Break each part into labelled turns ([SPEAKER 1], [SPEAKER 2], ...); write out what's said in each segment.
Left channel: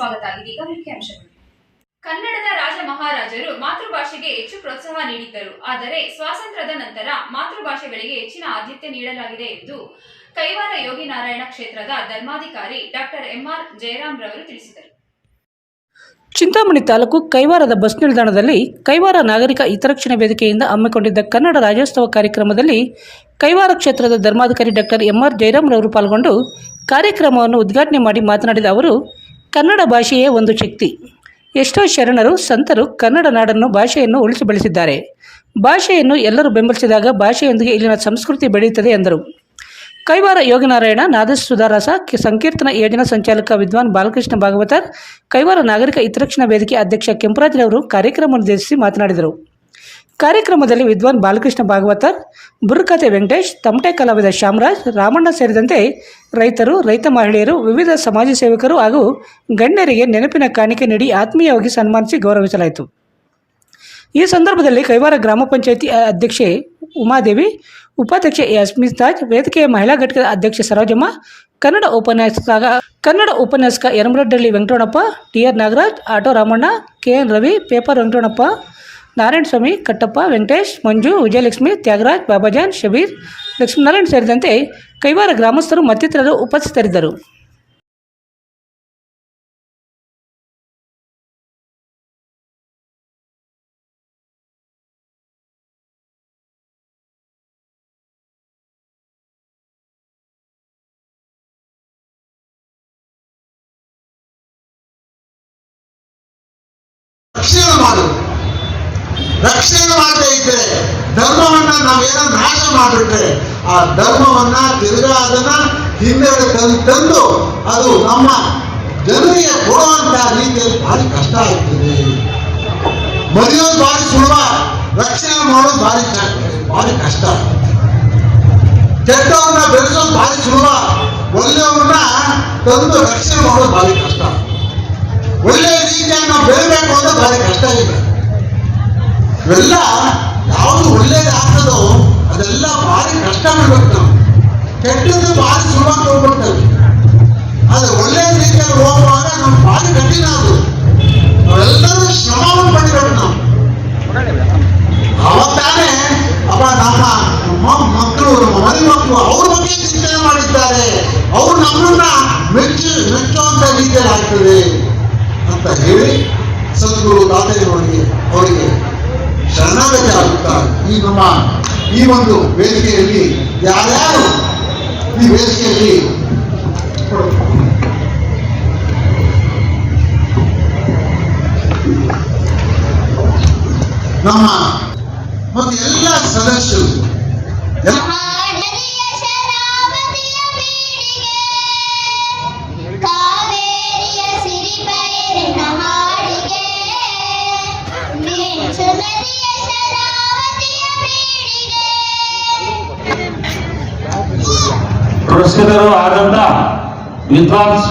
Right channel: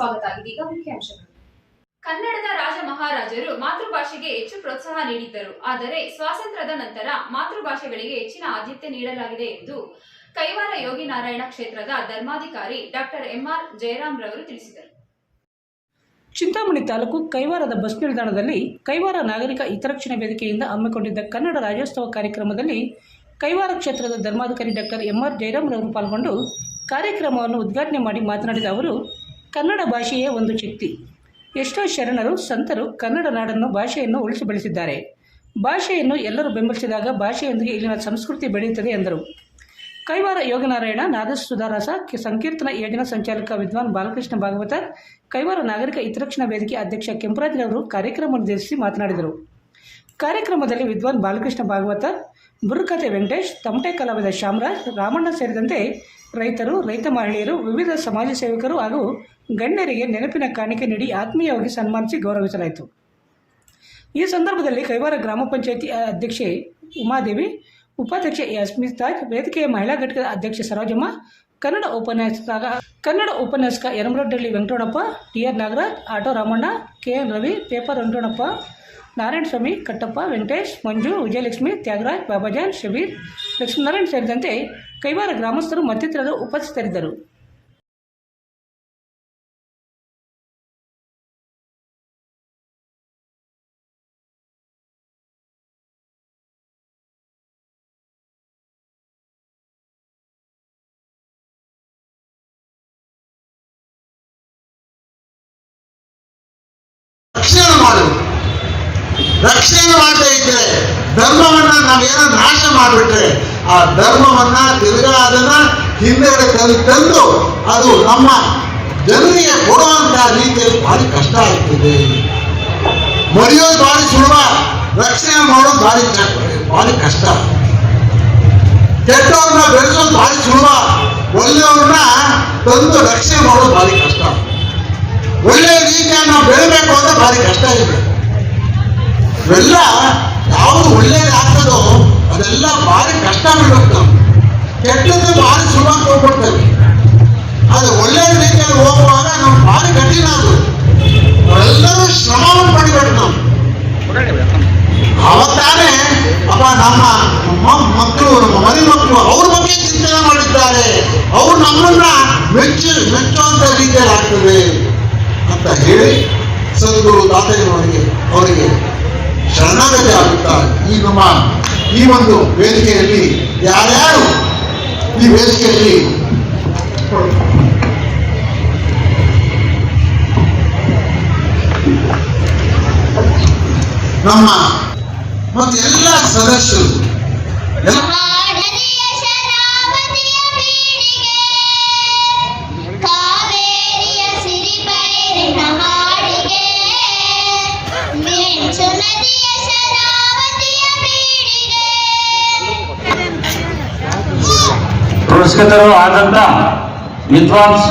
[SPEAKER 1] ಸ್ವಾಗತ ಇದೀಗ ಮುಖ್ಯಾಂಶಗಳು ಕನ್ನಡದ ರಾಜ ಮಹಾರಾಜರು ಮಾತೃಭಾಷೆಗೆ ಹೆಚ್ಚು ಪ್ರೋತ್ಸಾಹ ನೀಡಿದ್ದರು. ಆದರೆ ಸ್ವಾತಂತ್ರ್ಯದ ನಂತರ ಮಾತೃಭಾಷೆಗಳಿಗೆ ಹೆಚ್ಚಿನ ಆದ್ಯತೆ ನೀಡಲಾಗಿದೆ ಎಂದು ಕೈವಾರ ಯೋಗಿ ನಾರಾಯಣ ಕ್ಷೇತ್ರದ ಧರ್ಮಾಧಿಕಾರಿ ಡಾಕ್ಟರ್ ಎಂಆರ್ ಜಯರಾಮ್ ರವರು ತಿಳಿಸಿದರು.
[SPEAKER 2] ಚಿಂತಾಮಣಿ ತಾಲೂಕು ಕೈವಾರದ ಬಸ್ ನಿಲ್ದಾಣದಲ್ಲಿ ಕೈವಾರ ನಾಗರಿಕ ಹಿತರಕ್ಷಣೆ ವೇದಿಕೆಯಿಂದ ಹಮ್ಮಿಕೊಂಡಿದ್ದ ಕನ್ನಡ ರಾಜ್ಯೋತ್ಸವ ಕಾರ್ಯಕ್ರಮದಲ್ಲಿ ಕೈವಾರ ಕ್ಷೇತ್ರದ ಧರ್ಮಾಧಿಕಾರಿ ಡಾಕ್ಟರ್ ಎಂಆರ್ ಜಯರಾಮ್ ಜಯರಾಮ್ರವರು ಪಾಲ್ಗೊಂಡು ಕಾರ್ಯಕ್ರಮವನ್ನು ಉದ್ಘಾಟನೆ ಮಾಡಿ ಮಾತನಾಡಿದ ಅವರು ಕನ್ನಡ ಭಾಷೆಯೇ ಒಂದು ಶಕ್ತಿ. ಎಷ್ಟೋ ಶರಣರು, ಸಂತರು ಕನ್ನಡ ನಾಡನ್ನು ಭಾಷೆಯನ್ನು ಉಳಿಸಿ ಬೆಳೆಸಿದ್ದಾರೆ. ಭಾಷೆಯನ್ನು ಎಲ್ಲರೂ ಬೆಂಬಲಿಸಿದಾಗ ಭಾಷೆಯೊಂದಿಗೆ ಇಲ್ಲಿನ ಸಂಸ್ಕೃತಿ ಬೆಳೆಯುತ್ತದೆ ಎಂದರು. ಕೈವಾರ ಯೋಗನಾರಾಯಣ ನಾದಸ್ ಸುಧಾರಸ ಸಂಕೀರ್ತನ ಯೋಜನಾ ಸಂಚಾಲಕ ವಿದ್ವಾನ್ ಬಾಲಕೃಷ್ಣ ಭಾಗವತರ್, ಕೈವಾರ ನಾಗರಿಕ ಹಿತರಕ್ಷಣಾ ವೇದಿಕೆ ಅಧ್ಯಕ್ಷ ಕೆಂಪರಾಜ್ರವರು ಕಾರ್ಯಕ್ರಮ ಉದ್ದೇಶಿಸಿ ಮಾತನಾಡಿದರು. ಕಾರ್ಯಕ್ರಮದಲ್ಲಿ ವಿದ್ವಾನ್ ಬಾಲಕೃಷ್ಣ ಭಾಗವತರ್ ಬುರ್ಕತೆ ವೆಂಕಟೇಶ್, ತಮಟೆ ಕಲಾವಿದ ಶ್ಯಾಮರಾಜ್, ರಾಮಣ್ಣ ಸೇರಿದಂತೆ ರೈತರು, ರೈತ ಮಹಿಳೆಯರು, ವಿವಿಧ ಸಮಾಜ ಸೇವಕರು ಹಾಗೂ ಗಣ್ಯರಿಗೆ ನೆನಪಿನ ಕಾಣಿಕೆ ನೀಡಿ ಆತ್ಮೀಯವಾಗಿ ಸನ್ಮಾನಿಸಿ ಗೌರವಿಸಲಾಯಿತು. ಈ ಸಂದರ್ಭದಲ್ಲಿ ಕೈವಾರ ಗ್ರಾಮ ಪಂಚಾಯಿತಿ ಅಧ್ಯಕ್ಷೆ ಉಮಾದೇವಿ, ಉಪಾಧ್ಯಕ್ಷೆ ಯಸ್ಮಿತಾಜ್ ವೇದಿಕೆಯ ಮಹಿಳಾ ಘಟಕದ ಅಧ್ಯಕ್ಷೆ ಸರೋಜಮ್ಮ, ಕನ್ನಡ ಉಪನ್ಯಾಸಕ ಕನ್ನಡ ಉಪನ್ಯಾಸಕ Yaramaraddalli Venkatonappa T R Nagaraj, auto Ramanna, K N Ravi, paper Venkataramanappa Narayana Swamy, Kattappa, Venkatesh, Manju, Vijayalakshmi, Thyagaraj, Babajan, Shabbir, Lakshminarayan ಸೇರಿದಂತೆ ಕೈವಾರ ಗ್ರಾಮಸ್ಥರು ಮತ್ತಿತರರು ಉಪಸ್ಥಿತರಿದ್ದರು.
[SPEAKER 3] ರಕ್ಷಣೆ ಮಾಡದೇ ಇದ್ರೆ ಧರ್ಮವನ್ನ ನಾವೇನೋ ನಾಶ ಮಾಡಿಬಿಟ್ರೆ ಆ ಧರ್ಮವನ್ನ ತಿರ್ಗಾ ಅದನ್ನ ತಂದು ತಂದು ಅದು ನಮ್ಮ ಜನರಿಗೆ ಕೊಡುವಂತಹ ರೀತಿಯಲ್ಲಿ ಭಾರಿ ಕಷ್ಟ ಆಗ್ತದೆ. ಮರೆಯೋದು ಭಾರಿ ಸುಲಭ, ರಕ್ಷಣೆ ಮಾಡೋದು ಭಾರಿ ಭಾರಿ ಕಷ್ಟ. ಕೆಟ್ಟವ್ರನ್ನ ಬೆಳೆಸೋದು ಭಾರಿ ಸುಲಭ, ಒಳ್ಳೆಯವ್ರನ್ನ ತಂದು ರಕ್ಷಣೆ ಮಾಡೋದು ಭಾರಿ ಕಷ್ಟ. ಒಳ್ಳೆಯ ರೀತಿಯನ್ನು ಬೆಳಬೇಕು ಅಂದ್ರೆ ಭಾರಿ ಕಷ್ಟ ಇದೆ. ಇವೆಲ್ಲ ಯಾವುದು ಒಳ್ಳೇದಾಗ್ತದೋ ಅದೆಲ್ಲ ಭಾರಿ ಕಷ್ಟ ಬಿಡ್ಬೇಕು ಕೆಟ್ಟದ್ದು ಭಾರಿ ಸುಲಭ ಹೋಗ್ಬಿಡ್ತೇವೆ ಆದ್ರೆ ಒಳ್ಳೆ ರೀತಿಯಲ್ಲಿ ಹೋಗುವಾಗ ನಾವು ಭಾರಿ ಕಠಿಣ ಅದು. ನಾವೆಲ್ಲರೂ ಶ್ರಮವನ್ನು ಪಡಿಬೇಕು ನಾವು. ಅವತ್ತಾನೆ ಅಪ್ಪ, ನಮ್ಮ ಮಕ್ಕಳು, ಮರಿ ಮಕ್ಕಳು ಅವ್ರ ಬಗ್ಗೆ ಚಿಂತನೆ ಮಾಡಿದ್ದಾರೆ. ಅವ್ರು ನಮ್ಮನ್ನ ಮೆಚ್ಚು ಮೆಚ್ಚುವಂತ ರೀತಿಯಲ್ಲಿ ಆಗ್ತದೆ ಅಂತ ಹೇಳಿ ಸದ್ಗುರು ತಾತಯ್ಯನವರಿಗೆ ಅವರಿಗೆ ಶರಣಾಗತಿ ಆಗುತ್ತಾರೆ ಈ ನಮ್ಮ ಈ ಒಂದು ವೇದಿಕೆಯಲ್ಲಿ ಯಾರ್ಯಾರು ಈ ವೇದಿಕೆಯಲ್ಲಿ ನಮ್ಮ ಮತ್ತು ಎಲ್ಲ ಸದಸ್ಯರು ಎಲ್ಲ
[SPEAKER 4] ಪುರಸ್ಕೃತರು ಆದಂತ ವಿದ್ವಾಂಸ್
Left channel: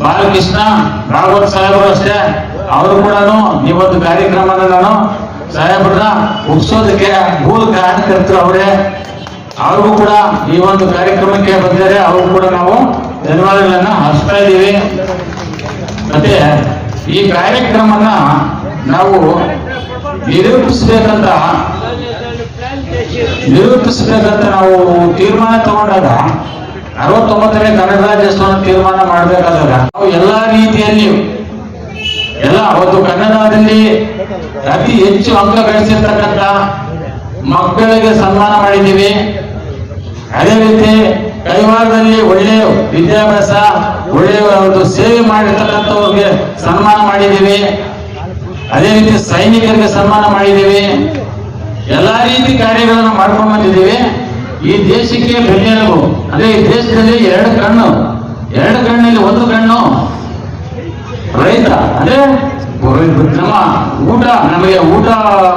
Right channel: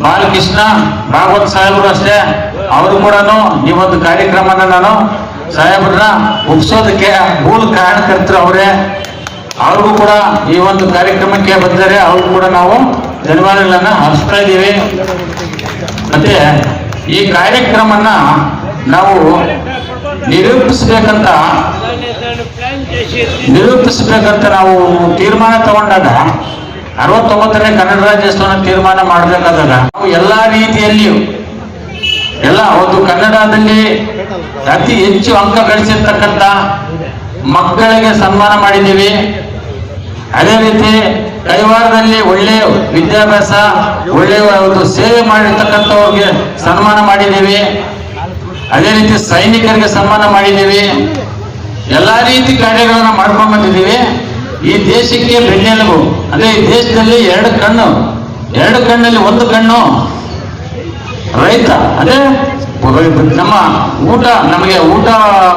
[SPEAKER 4] ಬಾಲಕೃಷ್ಣ ಭಾಗವತ್ ಸಾಹೇಬರು ಅಷ್ಟೇ. ಅವರು ಕೂಡ ಈ ಒಂದು ಕಾರ್ಯಕ್ರಮನ ನಾನು ಸಾಹೇಬ್ರನ್ನ ಒಪ್ಸೋದಕ್ಕೆ ಮೂಲ ಕಾರಣಕರ್ತರು ಅವರೇ. ಅವ್ರಿಗೂ ಕೂಡ ಈ ಒಂದು ಕಾರ್ಯಕ್ರಮಕ್ಕೆ ಬಂದರೆ ಅವ್ರಿಗೂ ಕೂಡ ನಾವು ಧನ್ಯವಾದಗಳನ್ನ ಹರಿಸ್ತಾ ಇದ್ದೀವಿ. ಮತ್ತೆ ಈ ಕಾರ್ಯಕ್ರಮನ ನಾವು ನಿರೂಪಿಸ್ಬೇಕಂತ ನಿರೂಪಿಸಬೇಕಂತ ನಾವು ತೀರ್ಮಾನ ತಗೊಂಡಾಗ ಅರವತ್ತೊಂಬತ್ತನೇ ಕನ್ನಡ ರಾಜ್ಯೋತ್ಸವ ತೀರ್ಮಾನ ಮಾಡಬೇಕಾದಾಗ ನಾವು ಎಲ್ಲಾ ರೀತಿಯಲ್ಲಿಯೂ ಎಲ್ಲ ಅವತ್ತು ಕನ್ನಡದಲ್ಲಿ ಅತಿ ಹೆಚ್ಚು ಅಂಕ ಗಳಿಸಿರ್ತಕ್ಕಂಥ ಮಕ್ಕಳಿಗೆ ಸನ್ಮಾನ ಮಾಡಿದ್ದೀವಿ. ಅದೇ ರೀತಿ ಕೈವಾರದಲ್ಲಿ ಒಳ್ಳೆಯ ವಿದ್ಯಾಭ್ಯಾಸ ಒಳ್ಳೆಯ ಒಂದು ಸೇವೆ ಮಾಡಿರ್ತಕ್ಕಂಥವ್ರಿಗೆ ಸನ್ಮಾನ ಮಾಡಿದ್ದೀವಿ. ಅದೇ ರೀತಿ ಸೈನಿಕರಿಗೆ ಸನ್ಮಾನ ಮಾಡಿದ್ದೀವಿ. ಎಲ್ಲಾ ರೀತಿ ಕಾರ್ಯಗಳನ್ನು ಮಾಡ್ಕೊಂಡು ಬಂದಿದ್ದೀವಿ. ಈ ದೇಶಕ್ಕೆ ಬೆನ್ನೆಲುಬು. ಅದೇ ಈ ದೇಶದಲ್ಲಿ ಎರಡು ಕಣ್ಣು. ಎರಡು ಕಣ್ಣಲ್ಲಿ ಒಂದು ಕಣ್ಣು ರೈತ. ಅದೇ ನಮ್ಮ ಊಟ, ನಮಗೆ ಊಟ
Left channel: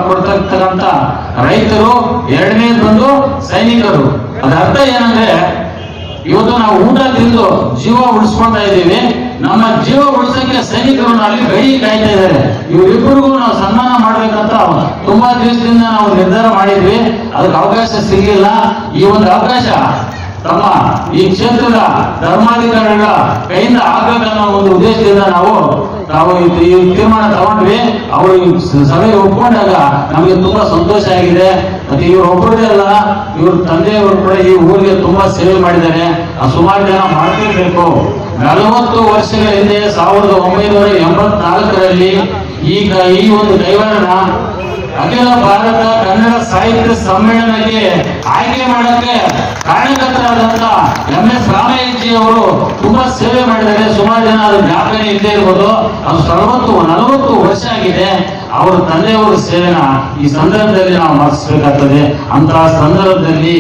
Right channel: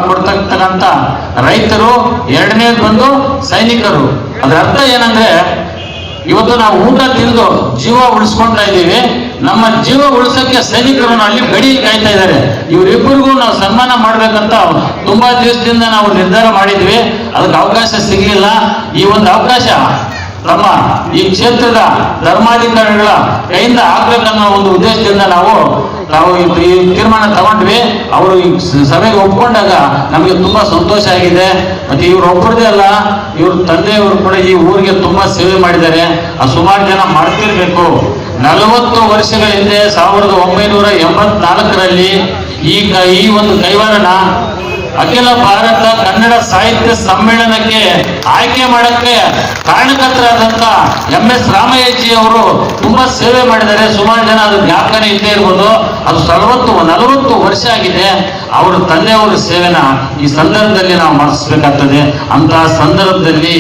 [SPEAKER 4] ಕೊಡ್ತಕ್ಕಂಥ ರೈತರು ಎರಡನೇದು ಬಂದು ಸೈನಿಕರು. ಅದರ ಅರ್ಥ ಏನಂದ್ರೆ ಇವತ್ತು ನಾವು ಊಟ ತಿಂದು ಜೀವ ಉಳಿಸ್ಕೊಂತಾ ಇದ್ದೀವಿ. ನಮ್ಮ ಜೀವ ಉಳಿಸಕ್ಕೆ ಸೈನಿಕರು ಅಲ್ಲಿ ಗಡಿ ಕಾಯ್ತಾ ಇದ್ದಾರೆ. ಇವರಿಬ್ಬರಿಗೂ ನಾವು ಸನ್ಮಾನ ಮಾಡ್ಬೇಕಂತ ತುಂಬಾ ದಿವಸದಿಂದ ನಾವು ನಿರ್ಧಾರ ಮಾಡಿದ್ವಿ. ಅದಕ್ಕೆ ಅವಕಾಶ ಸಿಗ್ಲಿಲ್ಲ. ಈ ಒಂದು ಅವಕಾಶ ತಮ್ಮ ಈ ಕ್ಷೇತ್ರದ ಧರ್ಮಾಧಿಕಾರಿಗಳ ಕೈಯಿಂದ ಆಗ್ಬೇಕನ್ನೋ ಒಂದು ಉದ್ದೇಶದಿಂದ ನಾವು ನಾವು ಈ ತೀರ್ಮಾನ ತಗೊಂಡ್ವಿ. ಅವರು ಈ ಸಭೆಗೆ ಒಪ್ಕೊಂಡಾಗ ನಮಗೆ ತುಂಬಾ ಸಂತೋಷ ಆಗಿದೆ. ಮತ್ತೆ ಇವ್ರು ಒಬ್ಬರದೇ ಅಲ್ಲ, ಇವ್ರ ತಂದೆಯವರು ಕೂಡ ಈ ಊರಿಗೆ ತುಂಬಾ ಸೇವೆ ಮಾಡಿದ್ದಾರೆ. ಆ ಸುಮಾರು ಜನ ಮಾಡ್ತಿರ್ಬೇಕು. ನಲವತ್ತು ವರ್ಷಗಳ ಹಿಂದೆ ಸಾವಿರದ ಒಂಬೈನೂರ ಎಂಬತ್ನಾಲ್ಕರಲ್ಲಿ ಈ ಈ ಒಂದು ಕೈವಾರನ ಅಖಿಲ ಭಾರತ ಕನ್ನಡ ಸಾಹಿತ್ಯ ಸಮ್ಮೇಳನಕ್ಕೆ ಆಯ್ಕೆ ಮಾಡಕ್ಕೆ ಕಾರಣಕರ್ತರಾದಂತ ಎಂ ಎಸ್ ರಾಮಯ್ಯಜಿ ಅವರು ತುಂಬಾ ಸೇವೆ ಮಾಡಿದ್ದಾರೆ. ಸುಮಾರು ಜನ ಅದು ಜ್ಞಾಪಕನೇ ಇದ್ದೇ ಇರ್ಬೋದು. ಅದು ನಲವತ್ತು ನಲವತ್ತು ವರ್ಷ ಆಗಿದೆ. ಅವರ ತಂದೆಯವರ ಸೇವೆನ ಈ ಸಂದರ್ಭದಲ್ಲಿ ನಾವು ಮರೆಸಬೇಕಾಗ್ತದೆ ಅಂತಹ ಸಂದರ್ಭದಲ್ಲಿ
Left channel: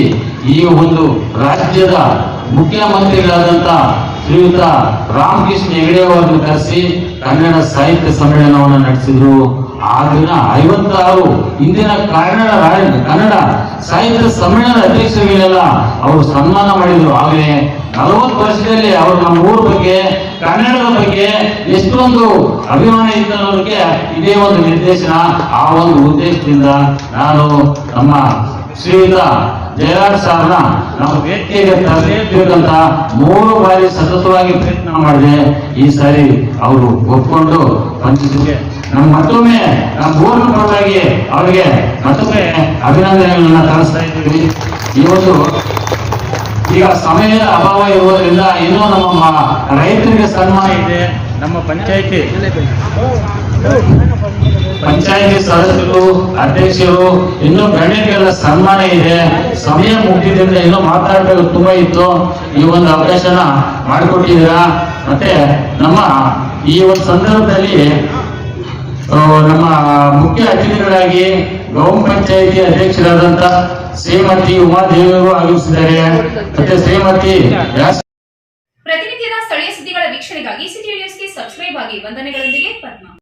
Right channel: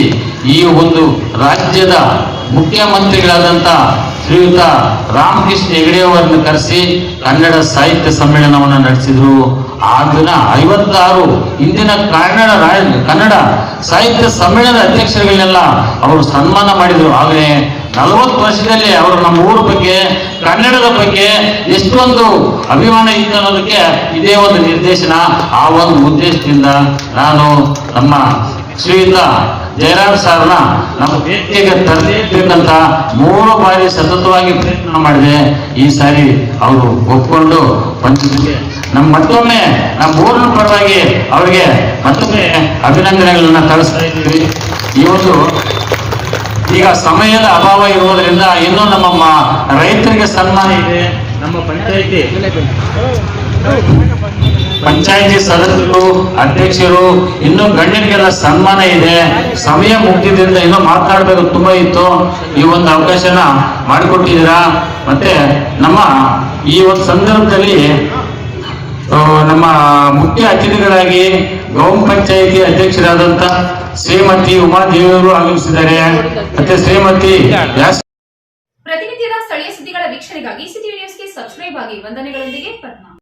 [SPEAKER 4] ಈ ಒಂದು ರಾಜ್ಯದ ಮುಖ್ಯಮಂತ್ರಿಗಳಾದಂತ ಶ್ರೀಯುತ ರಾಮಕೃಷ್ಣ ಹೆಗಡೆ ಅವರನ್ನು ಕರೆಸಿ ಕನ್ನಡ ಸಾಹಿತ್ಯ ಸಮ್ಮೇಳನವನ್ನು ನಡೆಸಿದ್ರು. ಆ ದಿನ ಐವತ್ತಾರು ಇಂದಿನ ಕನ್ನಡ ಕನ್ನಡ ಸಾಹಿತ್ಯ ಸಮ್ಮೇಳನದ ಅಧ್ಯಕ್ಷರುಗಳೆಲ್ಲ ಅವರು ಸನ್ಮಾನ ಮಾಡಿದರು. ಆಗಲೇ ನಲವತ್ತು ವರ್ಷದಲ್ಲಿ ಅವರು ನಮ್ಮ ಊರ ಬಗ್ಗೆ, ಕನ್ನಡದ ಬಗ್ಗೆ ಎಷ್ಟೊಂದು ಅಭಿಮಾನ ಇತ್ತು ಅನ್ನೋದಕ್ಕೆ ಇದೇ ಒಂದು ನಿರ್ದೇಶನ. ಆ ಒಂದು ಉದ್ದೇಶದಿಂದ ನಾನು ನಮ್ಮ ಶ್ರೀಯುತ ಜಯರಾಜ್ ಸಾರ್ನ ನಾವು ಭೇಟಿಗೆ ತರಲೇಬೇಕಂತ ಮೂರು ಬಾರಿ ಸತತವಾಗಿ ಪ್ರಯತ್ನ ಮಾಡಿದೆ. ಈ ಸಾರಿ ಅವರು ಒಪ್ಕೊಂಡು ಬಂದಿದ್ದಕ್ಕೆ ನಮ್ಮ ಮತ್ತೊಮ್ಮೆ ನಮ್ಮ ಊರಿನ ಪರವಾಗಿ ಅವರಿಗೆ ಮತ್ತೊಮ್ಮೆ ಅಭಿನಂದನೆಗಳನ್ನ ತರಿಸ್ತಾ ಇದ್ದೀವಿ. ಇವತ್ತು ಈಗ ಸಮಯದ ಅಭಾವ ಇರುವುದರಿಂದ ಇನ್ನೂ ನಮ್ಮ ರೈತರಿಗೆ ಸನ್ಮಾನ ಇದೆ. ನಮ್ಮ ಪಂಚಾಯಿತಿ ಪಂಚಾಯಿತಿ ಸದಸ್ಯರು, ಅಧ್ಯಕ್ಷರು, ಇನ್ನೂ ಗಣ್ಯರಿಗೆಲ್ಲ ಸನ್ಮಾನ ಇದೆ. ಸಮಯ ಮುಗಿದ್ರಿಂದ ಇನ್ನೂ ಮಾತಾಡಬೇಕು ತುಂಬಾ ಇತ್ತು. ಈ ಒಂದು ಅವಕಾಶನ ಮಾಡಿಕೊಟ್ಟಿದ್ದೀರಾ. ಮತ್ತೆ ನಮ್ಮ ಈ ಒಂದು ಸಂದರ್ಭದಲ್ಲಿ ನಮ್ಮ ಮುಖ್ಯ ಅತಿಥಿಗಳಾಗಿ ಗ್ರಾಮ ಪಂಚಾಯಿತಿ ಅಧ್ಯಕ್ಷರಾದಂತ ಶ್ರೀಮತಿ ಉಮಾದೇವಿಯವರು ಆಗಮಿಸಿದ್ದಾರೆ. ಮತ್ತೆ ಶ್ರೀಮತಿ
[SPEAKER 1] ಪ್ರತಿನಿತ್ಯದ ಸ್ಥಳೀಯ ಸುದ್ದಿಗಳ ವೀಕ್ಷಣೆಗಾಗಿ ಸಿಟಿ ನ್ಯೂಸ್ಗೆ ಸಬ್ಸ್ಕ್ರೈಬ್ ಆಗಿ ವಂದನೆಗಳೊಂದಿಗೆ ಪದ್ಮ